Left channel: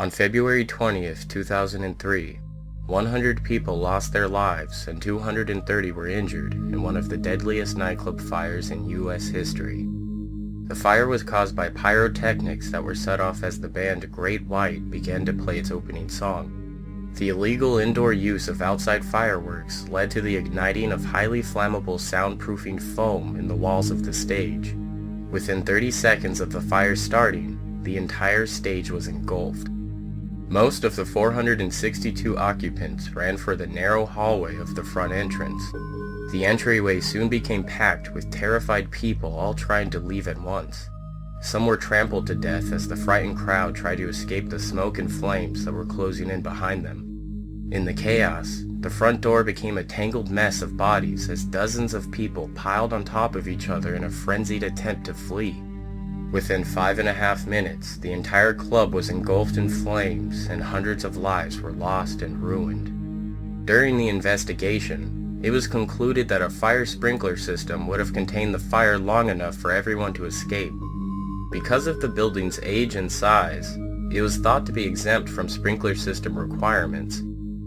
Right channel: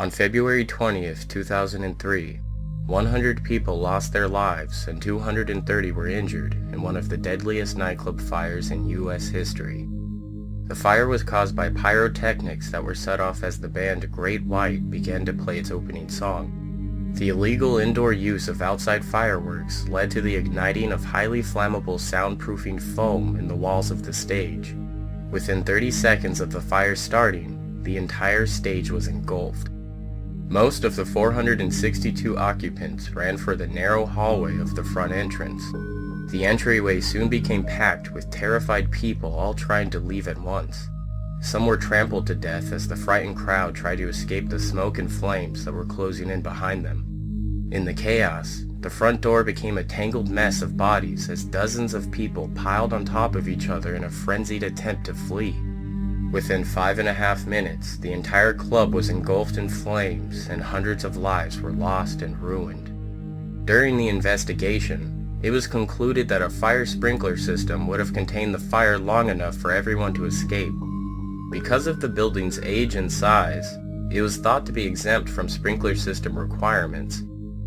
On February 20th, 2003, 100 people lost their lives and 230 were injured in one of the deadliest nightclub fires in U.S. history. The fire was caused by pyrotechnics that were set off as the band Great White began to play its opening song. The illegal indoor use of outside fireworks led to the igniting of highly flammable soundproofing foam in the walls of the stage. Within 30 seconds of the fire starting, the entire stage was engulfed. Most of the 462 occupants ran for the narrow hallway of the front entrance. The entryway soon became packed with terrified people all trying to leave at once. Some were trampled to death as the frightened crowd tried to escape the smoke and flames that were closing in behind them. In the chaos, the front door became a tangled mess of bodies as dozens of people piled on top of each other in a frenzied attempt to flee. Within 5.5 minutes, the entire club was engulfed in flames and hundreds of lives were lost and ruined. During the investigation, it was concluded that a fire sprinkler system would have contained the fire long enough for everyone to escape. Because of the building's age and size, it was thought to be exempt from sprinkler system requirements.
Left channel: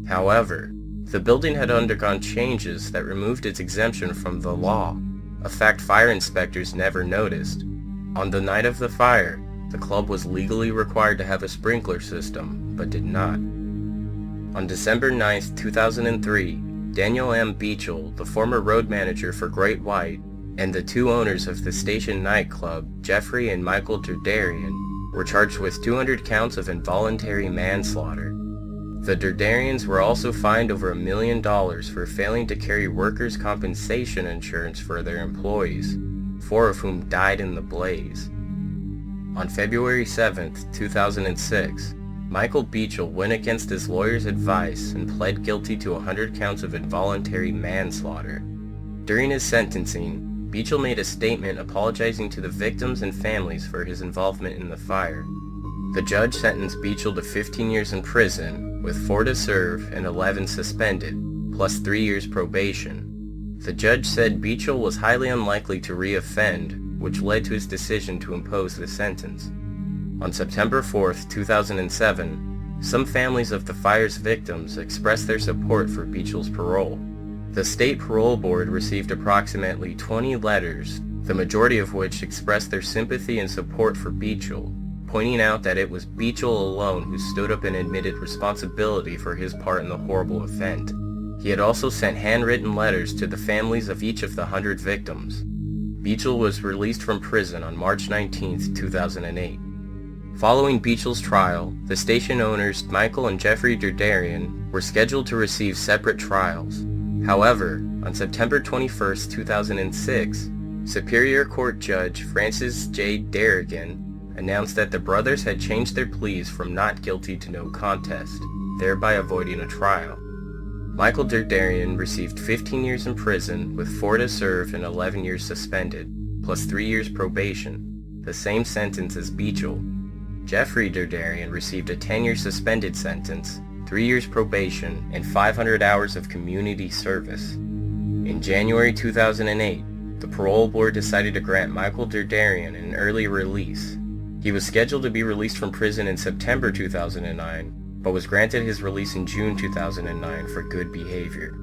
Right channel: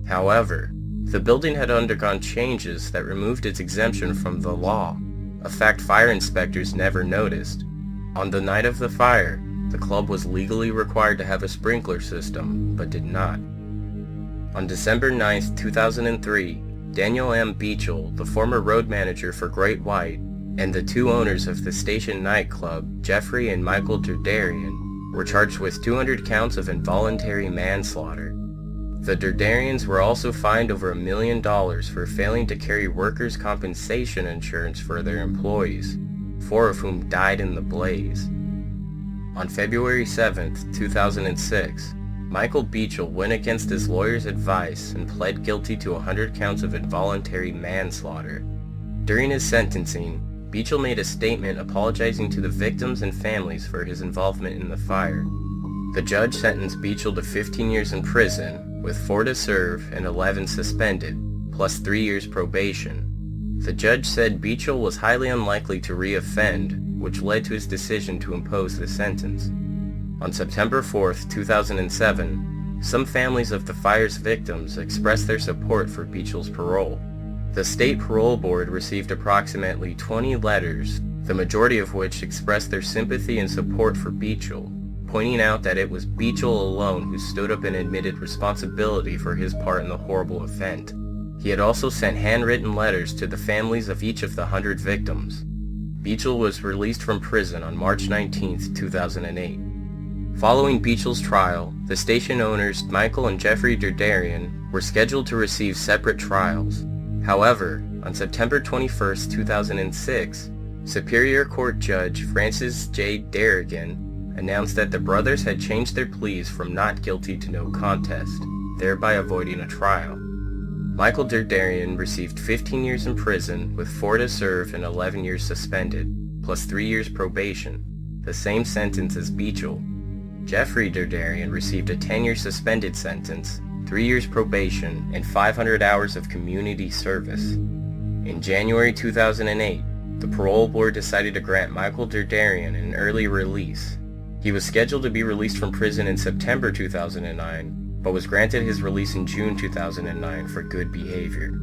However, the building had undergone changes that removed its exemption from the law, a fact fire inspectors never noticed. On the night of the fire, the club was legally required to have a sprinkler system, but did not. On December 9, 2003, Daniel M. Beachel, the former road manager for Great White, and the two owners of the station nightclub, Jeffrey and Michael Derderian, were charged with 200 counts of involuntary manslaughter. The Derderians were also fined over $1 million for failing to carry workers' compensation insurance for their employees, 4 of whom died in the blaze. On February 7, 2006, Michael Beachel went against his lawyer's advice and pled guilty to 100 counts of involuntary manslaughter. During his sentencing, Beachel made a statement apologizing to the victims and families for his involvement in the fire. The judge sentenced Beachel to 15 years in prison, with 4 to serve and 11 suspended, plus 3 years probation. The judge said Beachel was highly unlikely to re-offend, which led to his decision to impose the sentence. On September 4, 2007, some families of the fire's victims expressed their support for Beachel's parole. The state parole board received approximately 20 letters, the majority of which expressed their sympathy and support for Beachel, pointing out that it was Beachel alone who stood up and admitted responsibility for his part in the horrible event. He had also sent handwritten letters to the families of each of the 100 victims. Beachel was released from prison on March 19, 2008. Following Beachel's trial, the station owners Michael and Jeffrey Derderian were scheduled to receive separate trials. However, on September 21, 2006, Superior Court Judge Francis J. Darrigan announced that the brothers had changed their pleas from not guilty to no contest, thereby avoiding a trial. Michael Derderian received 15 years in prison with 4 to serve and 11 years suspended, plus 3 years probation, the same sentence as Beachel. Jeffrey Derderian received a 10-year suspended sentence, 3 years probation, and 500 hours of community service. In January 2008, the parole board decided to grant Michael Derderian an early release. He was scheduled to be released from prison in September 2009, but was granted his release in June 2009 for good behavior.